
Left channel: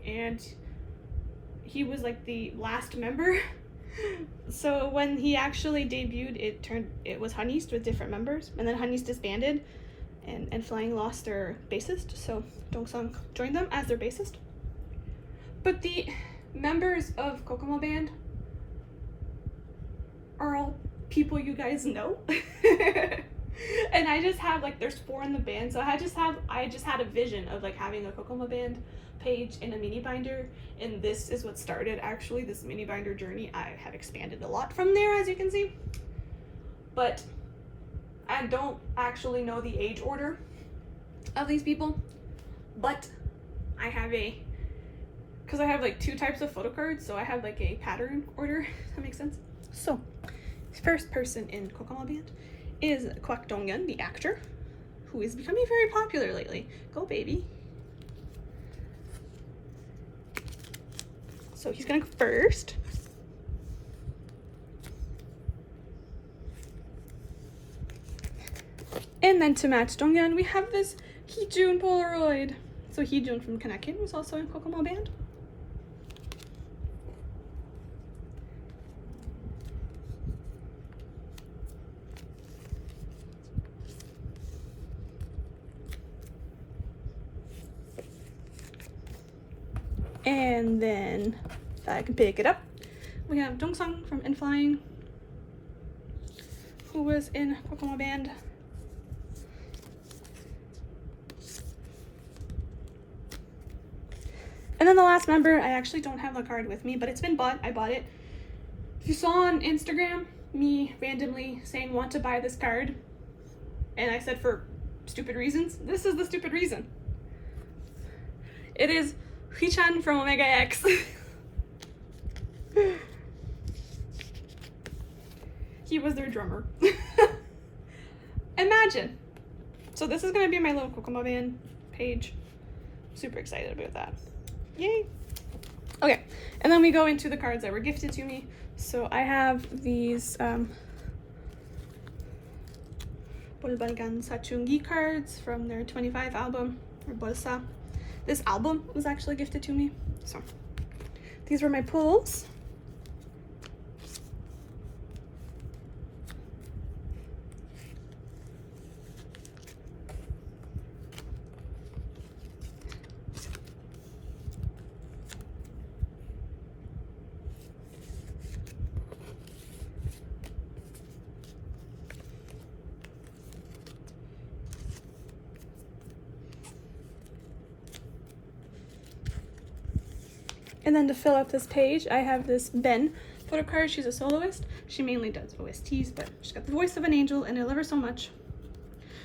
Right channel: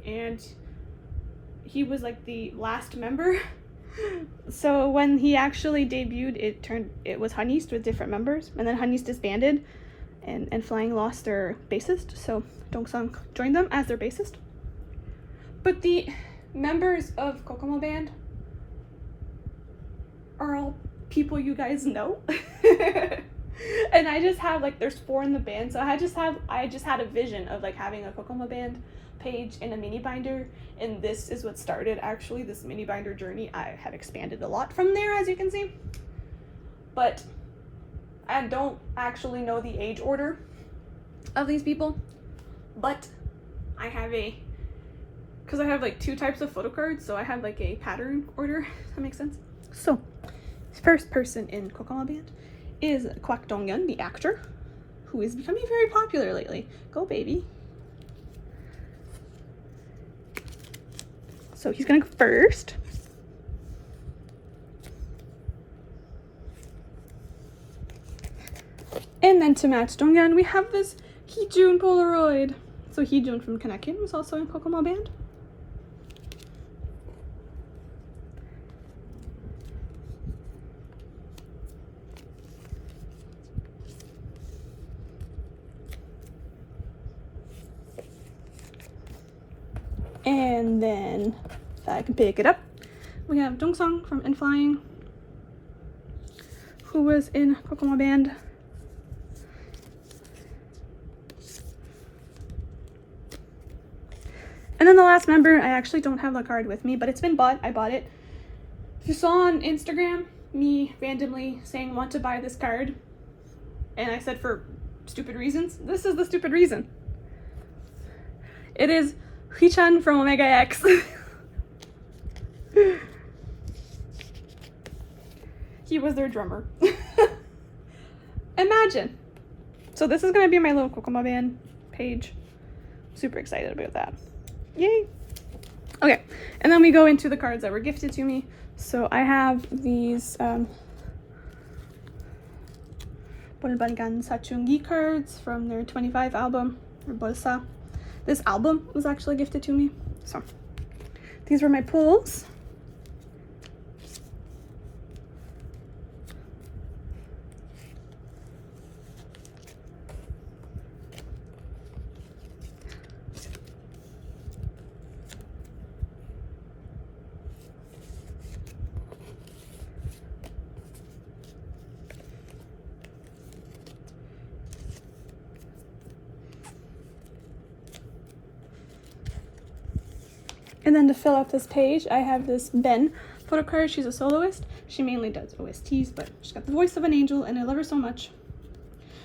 and he was like the last member. So when he actually debuted, it was Honeys with different members, and then Honeys disbanded, and Flying lost their bassist, so Dongsung joined them as their bassist. But the members of Kokoma band are all people you guys know. And I just have, like, there's 4 in the band, so I just had a vision of, like, having a Kokoma band page in a mini binder, and this is what started actually this mini binder journey. I have expanded a lot from there, as you can see, but I don't actually know the age order of these people, but I have because I have like 2 types of photocards, so I have like a pattern order, if that makes sense. So first person in Kokoma band is Kwak Dong-yeon, the actor, who is becoming very popular lately. Go baby. So he's gonna go first. And then to match Dong-yeon, we have this Heejun Polaroid. So Heejun from Kanekin was also in Kokoma band. And then, if I can pick it up, we have Dongsung from In Flying, who was in Kokoma band. And then the last member, I actually don't have the card with me, but it's been bought. I bought it. If you saw on Instagram me randomly saying want to buy this card, and I said for stupid reasons, this is the stupid reason. It is Hee-chan from Omega X. He was their drummer. Imagine. So this is gonna be my little Kokoma band page. Super excited about that. Yay. Okay, and then we go into the cards that were gifted to me. So I have these Bolbangan Sachungi cards from their 25 album, or Bolsa. This album was actually gifted to me. So these were my pulls. And then to fill up this page, I have this Ben photocard. She's a soloist. She mainly does OSTs, but she's got the voice of an angel, and I love her so much.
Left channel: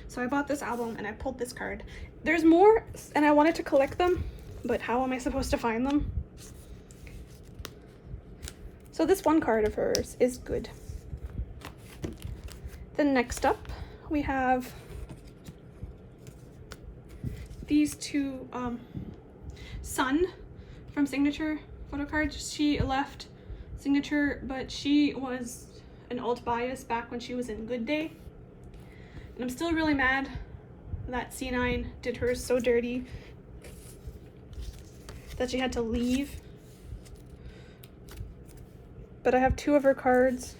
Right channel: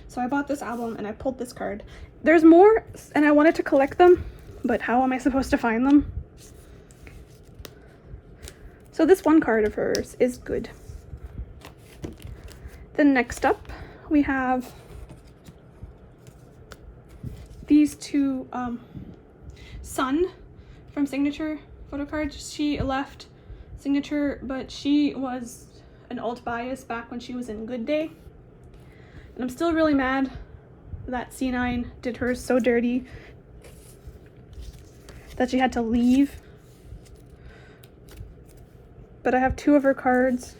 So I bought this album, and I pulled this card. There's more, and I wanted to collect them, but how am I supposed to find them? So this one card of hers is good. Then next up, we have these 2 Sun from Signature photocards. She left Signature, but she was an alt bias back when she was in Good Day. And I'm still really mad that C9 did her so dirty that she had to leave. But I have 2 of her cards.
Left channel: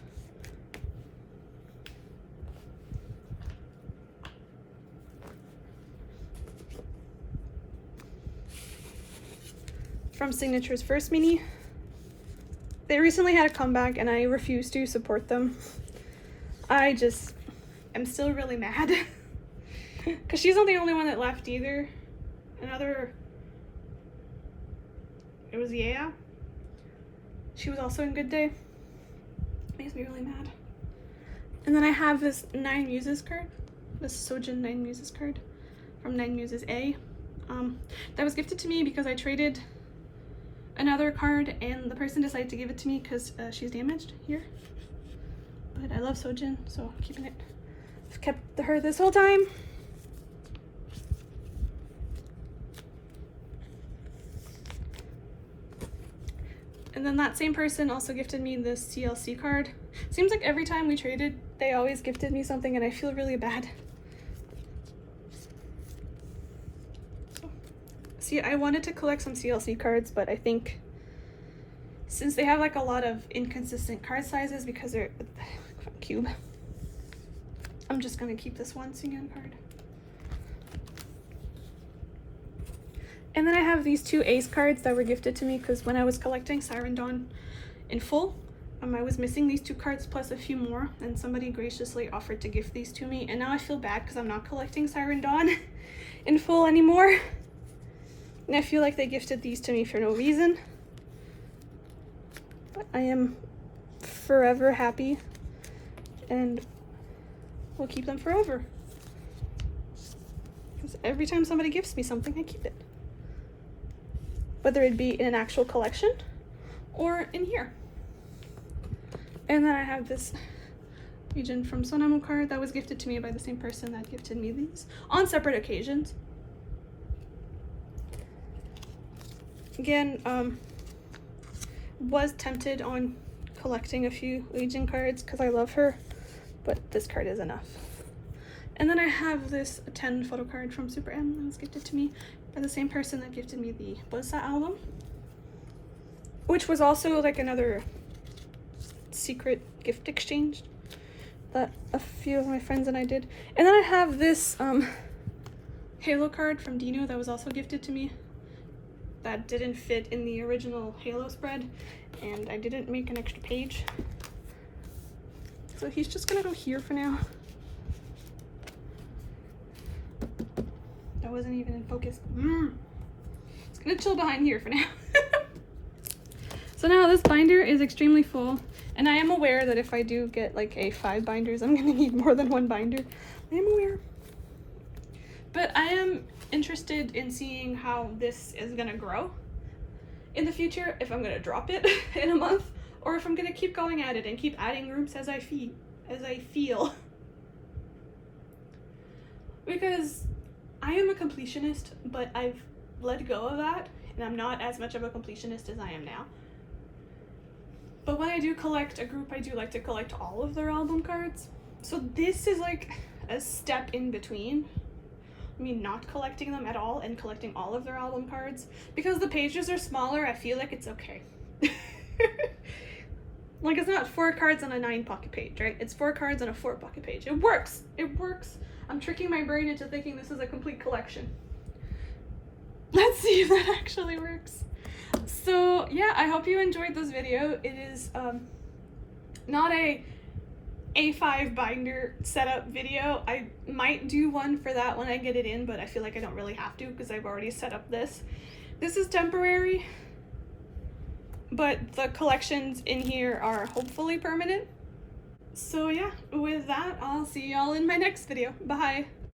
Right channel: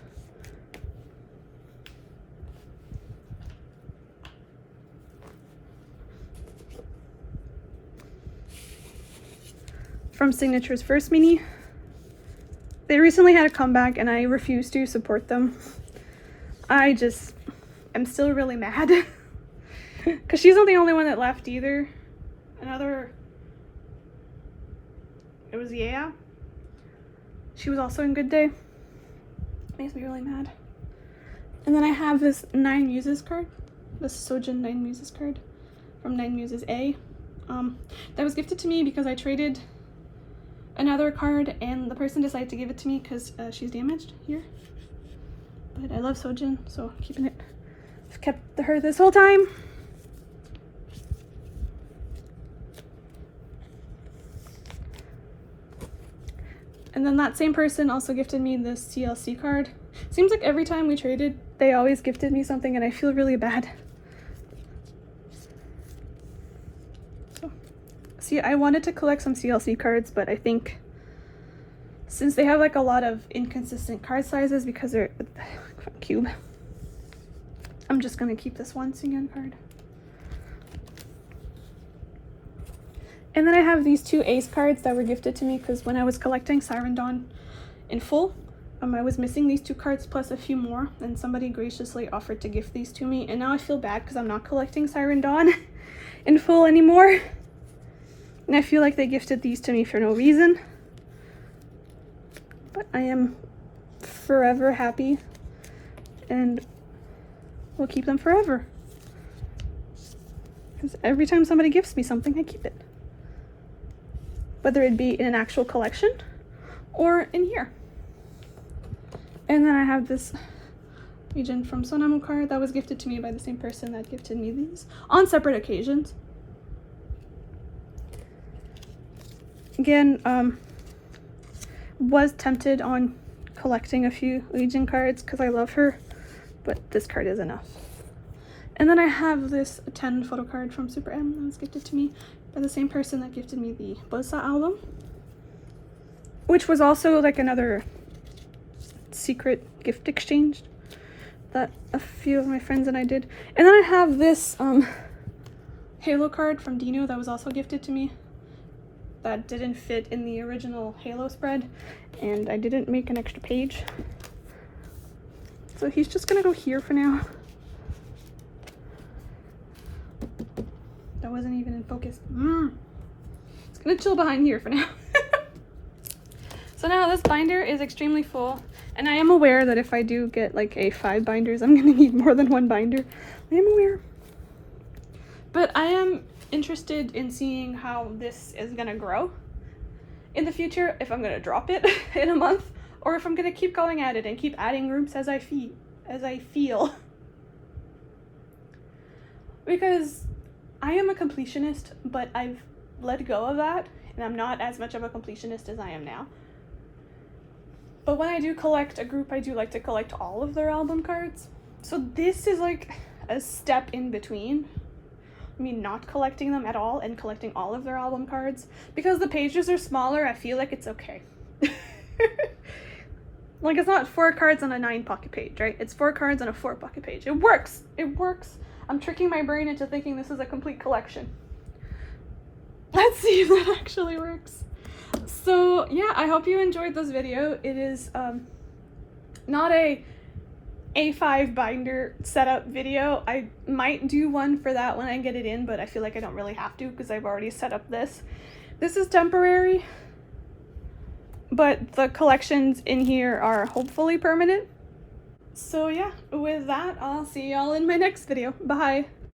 From Signature's first mini. They recently had a comeback and I refuse to support them. I'm still really mad. Because she's not the only one that left either. It was Yeah. She was also in Good Day. Makes me really mad. And then I have this 9 Muses card. This Sojin 9 Muses card from 9 Muses A. That was gifted to me because I traded another card and the person decided to give it to me because she's damaged here. But I love Sojin, so I'm keeping it. I've kept her this whole time. And then that same person also gifted me this CLC card. Seems like every time we traded, they always gifted me something and I feel really bad. See, I wanted to collect some CLC cards, but I think since they have like a lot of inconsistent card sizes because they're cube, I'm just gonna keep this one Singen card. And then I have these 2 ace cards that were gifted to me because when I was collecting Siren Dawn in full, I was missing these 2 cards plus a few more, and somebody graciously offered to gift these to me, and now I feel bad because I'm not collecting Siren Dawn in full anymore. And I feel like they gifted these to me for no reason. But I am forever happy and will keep them forever. Because every time somebody gifts me something, I keep it. Whether it be in an actual collection or in here. And then I have this region from Sonamu card that was gifted to me by the same person that gifted me these on separate occasions. Again, was tempted on collecting a few Legion cards because I love her, but this card is enough. And then I have this 10 photo card from Super M that was gifted to me by the same person that gifted me the Bosa album, which was also like another secret gift exchange that a few of my friends and I did. And then I have this Halo card from Dino that was also gifted to me that didn't fit in the original Halo spread, and I didn't make an extra page. So he's just gonna go here for now. That wasn't even in focus. It's gonna chill behind here for now. So now this binder is extremely full, and I am aware that if I do get like a 5 binders, I'm gonna need more than 1 binder. I am aware. But I am interested in seeing how this is gonna grow in the future, if I'm gonna drop it in a month, or if I'm gonna keep going at it and keep adding groups as I feel. Because I am a completionist, but I've let go of that, and I'm not as much of a completionist as I am now. But when I do collect a group, I do like to collect all of their album cards. So this is like a step in between me not collecting them at all and collecting all of their album cards. Because the pages are smaller, I feel like it's okay. Like, it's not 4 cards on a 9 pocket page, right? It's 4 cards on a 4 pocket page. It works. It works. I'm tricking my brain into thinking this is a complete collection. Let's see if that actually works. So yeah, I hope you enjoyed this video. It is not a A5 binder setup video. I might do one for that when I get it in, but I feel like I don't really have to because I've already set up this. This is temporary, but the collections in here are hopefully permanent. So yeah, with that, I'll see y'all in my next video. Bye!